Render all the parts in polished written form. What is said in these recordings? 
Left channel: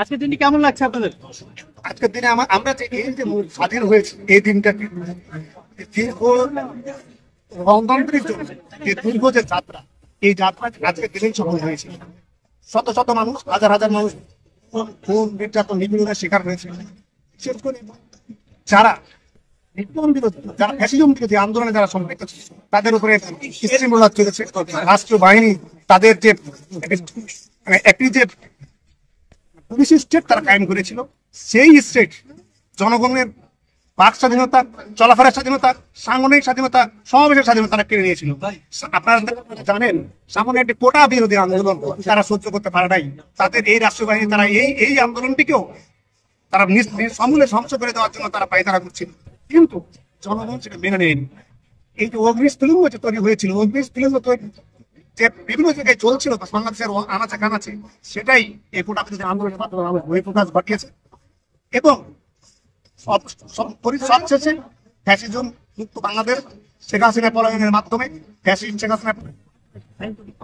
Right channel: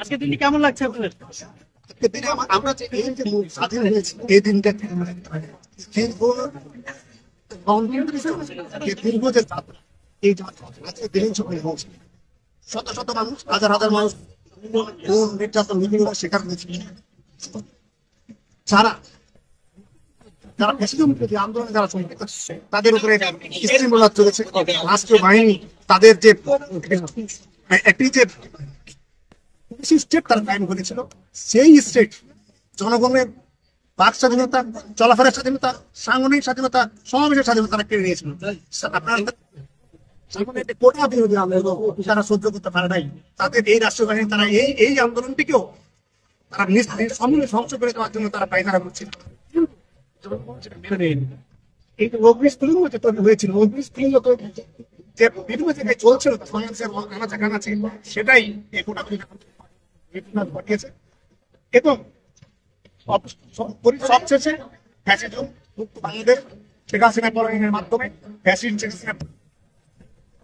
আজকের দিনটি কেমন লাগছে আপনাদের? আজকের দিনে আমরা যে এই যে স্বাধীন হয়েছে এই দিনটাকে দীর্ঘ গণতন্ত্রের জন্য যে দীর্ঘ যে যাত্রা, এই যাত্রা আজকের দিনেই সফল হয়েছে। শত শত মানুষ, হাজার হাজার মানুষ খুন, নির্যাতন, নিপীড়নের শিকার হয়েছে। বিশেষ করে যারা নির্যাতন বিরোধী, যারা ফ্যাসিজম বিরোধী আন্দোলনে যারা সম্পৃক্ত ছিল, তাদের উপরে স্টিমুলা চলেছে। রাষ্ট্রীয় বাহিনী তাদের যে একটি যে পুলিশ স্টেট তারা কায়েম করেছিল, সেই স্টেট জনগণের বাক স্বাধীনতা, চলাফেরার স্বাধীনতা, সাংগঠনিক স্বাধীনতা, সমাবেশের স্বাধীনতা তারা কেড়ে নিয়েছিল। আপনারা জানেন, সামনে একটি কোটা বিরোধী আন্দোলন তারা সহ্য করতে পারে নাই। তাদের এই রাষ্ট্রীয় বাহিনী তারা এই আন্দোলনটিকেও তারা সমূলে ধ্বংস করে দেওয়ার জন্য তারা পায়তারা করছিল, কিন্তু জনগণ সেটা মেনে নেয়নি। এই যে অগ্নিস্ফুলিঙ্গ যে তৈরি হয়েছিল, অগ্নিস্ফুলিঙ্গ যে বিভিন্ন জায়গায় চলছিল বাংলাদেশের আনাচে কানাচে, সেটাই এই কোটা বিরোধী আন্দোলনের মাধ্যমে আমাদের বহিঃপ্রকাশ ঘটিয়েছে। এবং সবশেষে ফ্যাসিজম মুক্ত বাংলাদেশ, শেখ হাসিনা পলায়নের মাধ্যমে ফ্যাসিস্ট শেখ হাসিনা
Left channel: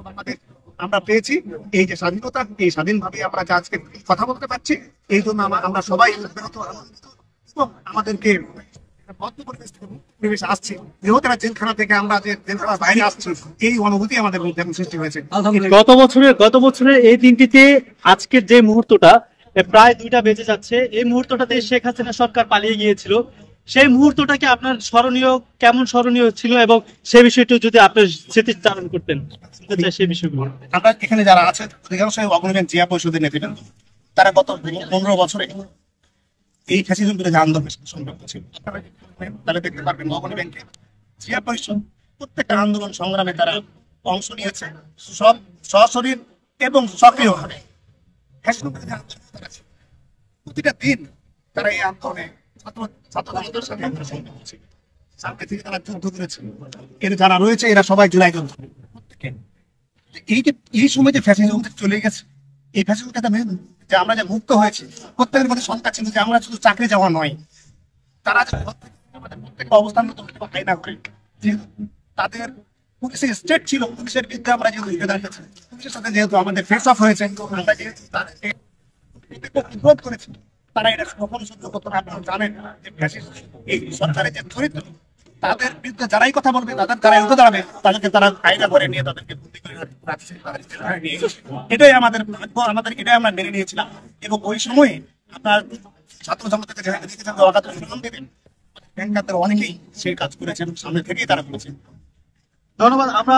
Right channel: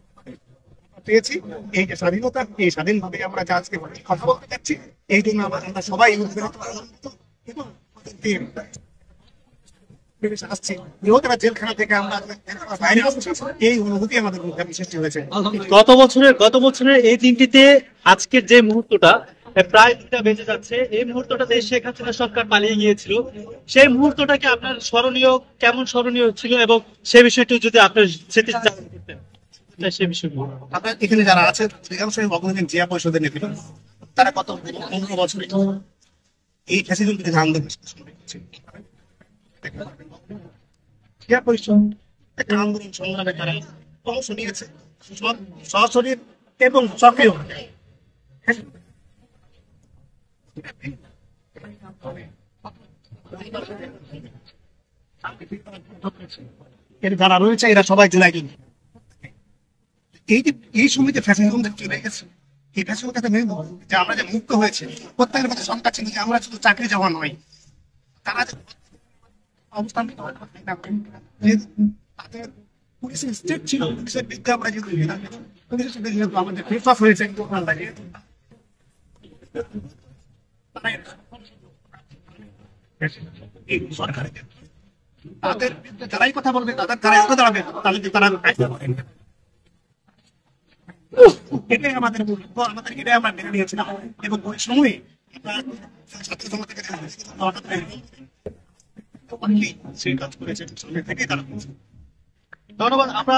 বাংলাদেশ আমরা পেয়েছি। এই যে স্বাধীনতা, এই স্বাধীনভাবে আমরা আজকে কথা বলতে পারছি, এই জন্য আমরা সবাই উদ্বেলিত, আনন্দিত। এবং আমাদেরকে পরিবেশে আসছি, বৃহত্তর জেলখানা থেকে আমরা যে জেলখানার বাইরে আসছি, এই অনুভূতি আমাদের মধ্যে সৃষ্টি হয়েছে। গত বছরের এই দিনটিতে আজকের যে মুহূর্তটা প্রায় 2টা বেজে যাচ্ছে, এই মুহূর্তটাতে শেখ হাসিনা সরকার পালিয়ে গিয়েছিল। সেই মুহূর্তটাকে আপনার কেমন স্মরণীয় ছিল, এবং সে বিষয়টি যদি আপনার স্মৃতিচারণ করতেন সেই বিষয়গুলো। আমরা এখানে যারা আছে অধিকাংশ অগ্রণী জিয়া পরিষদের নেতৃত্ব, তারা গত 15 বছরে এই ফ্যাসিজম বিরোধী আন্দোলনের সাথে সম্পর্ক ছিল। তাহলে দেখতে পারবেন অগ্রণী ব্যাংকে জিয়া পরিষদ প্রত্যেকটা আন্দোলন সংগ্রামে তারা অংশ নিয়েছে, সব সশরীর এবং সক্রিয় ভাবে। প্রতিটা দিন তারা এই আন্দোলনে ছাত্রদের সাথে সম্পর্ক ছিল, সামনে থেকে তারা যুদ্ধ করেছে। এর যারা রয়েছে এরা সবাই জুলাই যুদ্ধ। এই সময় যে ফ্যাসিজম চলে গেছে, এই ফ্যাসিজম যে আমরা যে মুক্ত হয়েছে, প্রত্যেকের মধ্যে শঙ্কা ছিল যে আমরা শুধু চাকরি যাওয়া নয়, তারা অবস্থান আইনা করে যে তাদের পুলিশের স্টেট ছিল, পুলিশের বিরুদ্ধে আমরা যেহেতু দাঁড়িয়েছি, পুলিশের সাথে যেহেতু আমাদের ফেস অফ হয়েছে, আমরা যেহেতু বিরোধ করেছি, তারা এটা কখনো সহ্য করতে না। আপনারা জানেন যে এই সরকারের যে চরিত্র, তাদের বিরুদ্ধে যারাই কথা বলবে, তাদের যারা উঠে দাঁড়াবে, তাদেরকে তারা আইনা করে নিয়ে তাদেরকে বন্দী করে রাখছে। এটাই আমাদের ভাগ্য, এটাই আমরা মেনে নিয়েছিলাম। এবং ওই সময়ে আপনার ছাত্র জনতাকে দেবেন, ব্যাংকারদের অনেকেই সেই কাজ করেছেন, সামনে থেকেই তারা করেছেন। ধন্যবাদ। আমরা